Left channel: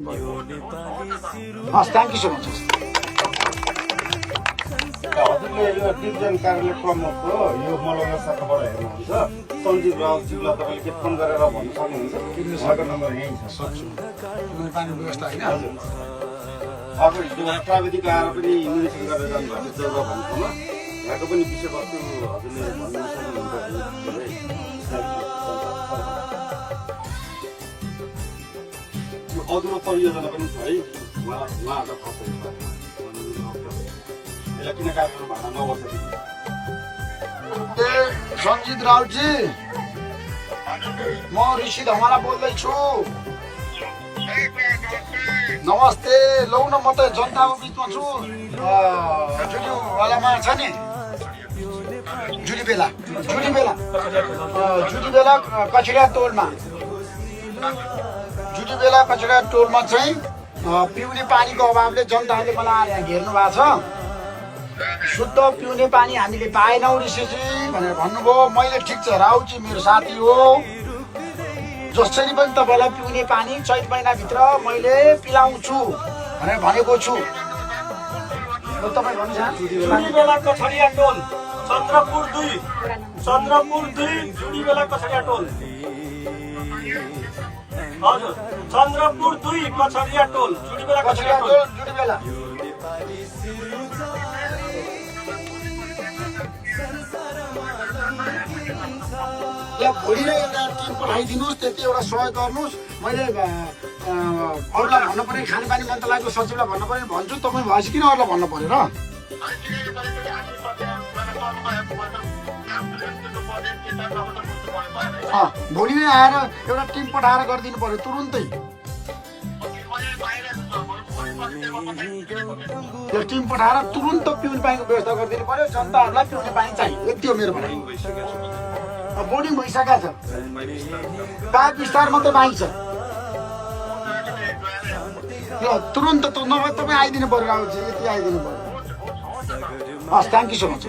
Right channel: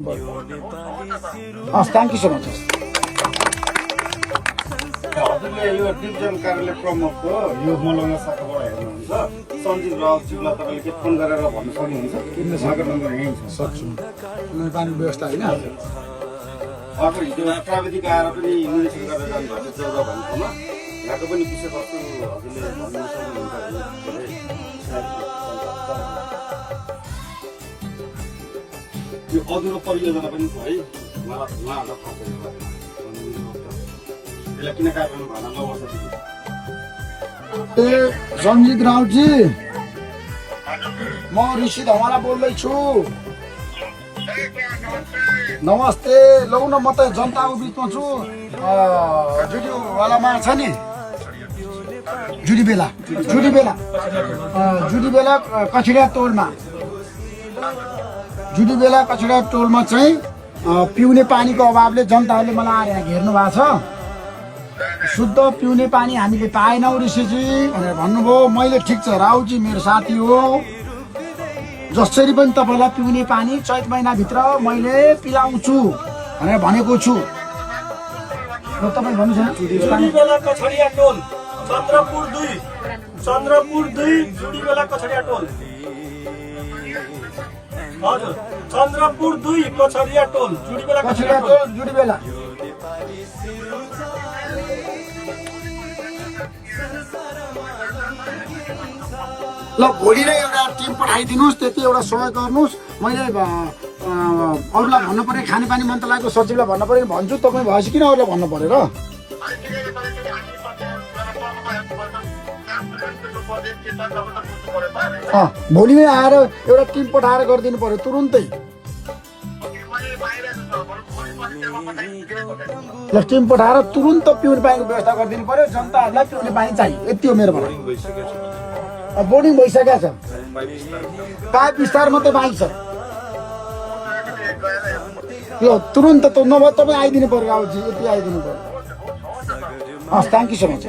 Thank you so much. हजुरले यो division कार्यालय प्रमुखको यो मलङ्गा शाखाबाट हेर्नुहुन्छ सञ्जीव राउतजीलाई तपाईँले के फोन गरेर भन्न सक्नुहुन्छ? उहाँको नम्बर यहीँ छ। सक्छु पानीको व्यवस्था होइन अब हिजो प्राविधिक आएर पनि निरीक्षण गरेर जानुभएको छ जग्गा भन्ने ठाउँमा यहाँको पनि विषयवस्तु हजुरले भन्न सक्नुहुन्छ। यो अधुरो परियोजना पनि छ है उहाँहरूलाई यसलाई किन काट्नु भएन म वर्ष ए सञ्जित राउतजी म ऋषि धमाला बोल्दैछु। नमस्ते। लौ न म त जनताको बिचमा छु। जुडीवालामा छ नि जुडी बेला कछडिया टोलमा टोलमा चाहिँ पिउने पानीको अभावले जनताहरूले मलाई आएर यहाँ घेर्नु भएको छ। शुद्ध पिउने पानी हामीले पाएनौँ ऋषिजी भनेर भन्नुभयो। मैले ठिक छ राउजी मेरो साथी हो, जसरी पनि तपाईँलाई पिउने पानी चैत महिनाभित्र मैले पिलाउँछु भनेर भनेको छु। र तपाईँ भन्नुहोस् जुडीबेला कछडिया टोल चन्द्रपुर 2 जुडीबेला कछडिया टोल। हजुर चन्द्रपुर 2 कछडिया टोल जुडीबेला कछडिया टोल जुडीबेला। ल भोलि नै एउटा टिम पठाइदिनुहोस्, त्यति एउटा सहयोग गर्नुहोस्। मैले अरूलाई भन्नु पर्ने खानेपानी मन्त्रालयको सचिवलाई भन्नु पर्यो भन्छु, तपाईँ भएपछि किन अरूलाई भन्नु पर्यो र? भोलि नै आएर एउटा टिम पठाएर गरिदिनु पर्यो तुरुन्तै। ल टिम पठाएर तुरुन्त पिउने पानीको व्यवस्था गरिदिनु पर्यो। जनताहरूलाई पिउने पानी चाहियो, यति हो मेरो भनाइ। बोर्डिङ भइसकेको छ, पाइप विस्तार मात्रै बाँकी छ। ल तुरुन्त नभए तपाईँ आइदिनु पर्यो राउजी, यति आइदिनु पर्यो। हस् थ्याङ्क यू सो मच।